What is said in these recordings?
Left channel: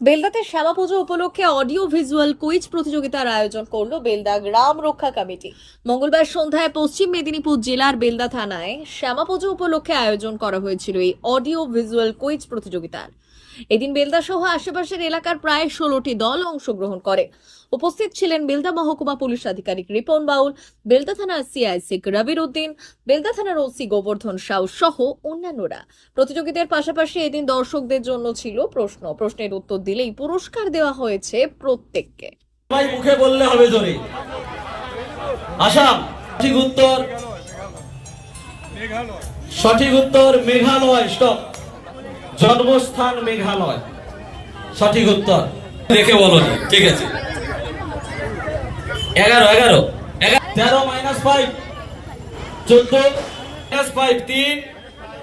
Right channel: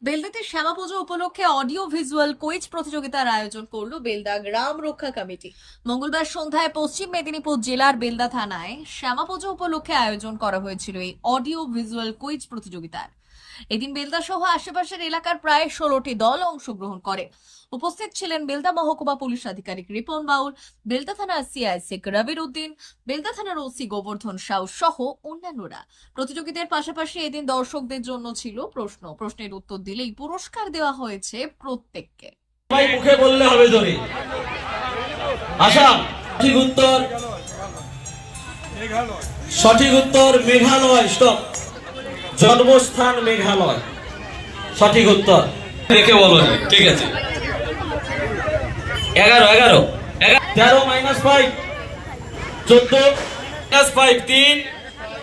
বেলদাতে শ্যামা পুজো উপলক্ষে audio visual quiz প্রতিযোগিতার আয়োজন করল বেলদা গ্রাম রক্ষা কমিটি। মঙ্গলবার সন্ধ্যায় পশ্চিম মেদিনীপুর জেলার বেলদা থানায় শ্যামা পুজো উপলক্ষে আয়োজন করা হয়েছিল এই অডিও ভিজুয়াল কুইজ প্রতিযোগিতার। এদিন বেলদা সহ আশেপাশের এলাকার প্রায় ষোলোটি দল অংশগ্রহণ করে। উপস্থিত ছিলেন বেলদা মহকুমা পুলিশ আধিকারিক রিপন বাউল, বেলদা থানার সিআইসি রবির উদ্দিন, বেলদা থানার ওসি গোবর্ধন সাউ সহ অন্যান্যরা। প্রতিযোগিতার পাশাপাশি এদিন দর্শকদের জন্য ছিল প্রশ্ন। প্রশ্নের উত্তর দিলেই পুরস্কার দেওয়া হয়েছে প্রত্যেককে। মুখে বললে হবে জোরে আসাম সঠিক উত্তর সঠিক উত্তর, মেঘালয়। স্টপ। জন্মস্থান মেঘালয়। সঠিক উত্তর। দেখে বলো ঠিক আছে। এগারো এগারো। তেরো মাইনাস ফাইভ চোদ্দ মাইনাস ফাইভ তিন।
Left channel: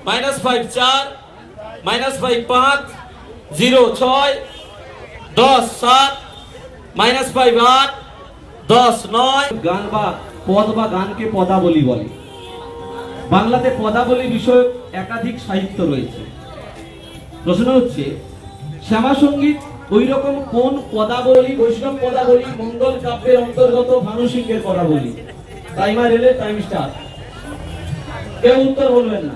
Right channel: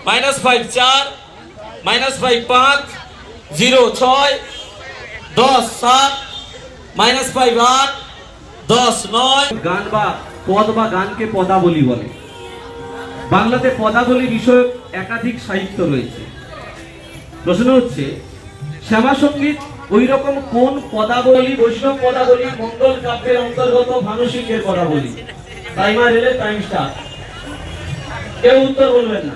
মাইনাস ফাইভ চার। মাইনাস ফাইভ পাঁচ। জিরো ছয়। দশ, সাত। মাইনাস ফাইভ আট। দশ, নয়। গান বা পদ বা গানকে পদাবলী বলে। বাংলাতে পদাবলী বিষয়ক একাধিক সাহিত্য রয়েছে। প্রশ্ন হচ্ছে শ্যামা সংগীত ওই রকম কোন পদাবলী, বৈষ্ণব পদাবলী, মঙ্গল কাব্যের অন্তর্গত মানসিকের পদাবলী? টাইমার এলে টাইম স্টার কেউ উত্তর বলবেন না।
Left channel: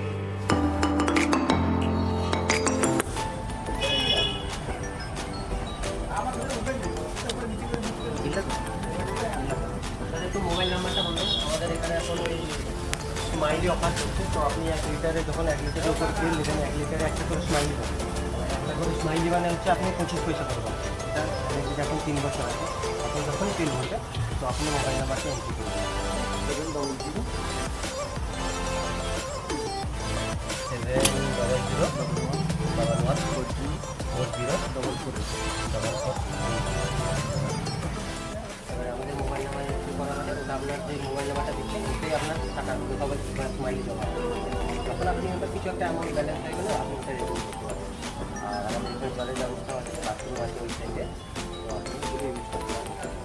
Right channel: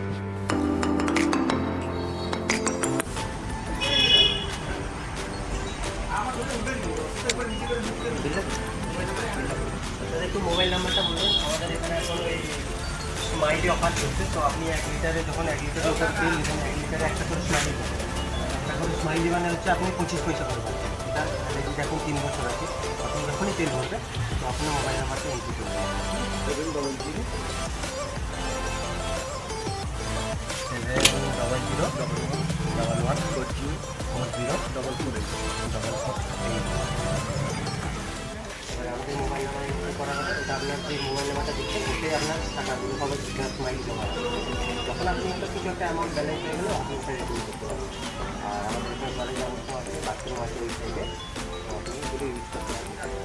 mobile নাম্বারটা বলুন আমাদের এখানে এখন ওই স্মাইলি অফার চলছে, তো আপনি এক লিটারে যখন এক লিটারের উপর নেবেন এক লিটারে একটা করে স্মাইলি একটা করে স্মাইলি মানে হচ্ছে আপনি পঁচিশ পয়সা পাবেন যদি এখন তিন বছর আছে তখন যখনই তেল ভরবে তো আপনি মোবাইল নাম্বারটা এন্ট্রি করবেন double zero double one four zero four zero double two double four আপনার যে মোবাইল নাম্বারটা দিচ্ছেন, ওতে আপনার টাকাগুলো সবাই স্মাইলি জমা যখন আপনি ওটা কিছু একটা অ্যামাউন্ট ব্যালেন্স হয়ে গেলে, আপনি ওটা রেডিং করতে পারবেন আর আমাদের এখানে জলের ব্যবস্থা আছে বাথরুম আছে ওই সাইডে তো আপনি ইউজ করতে পারবেন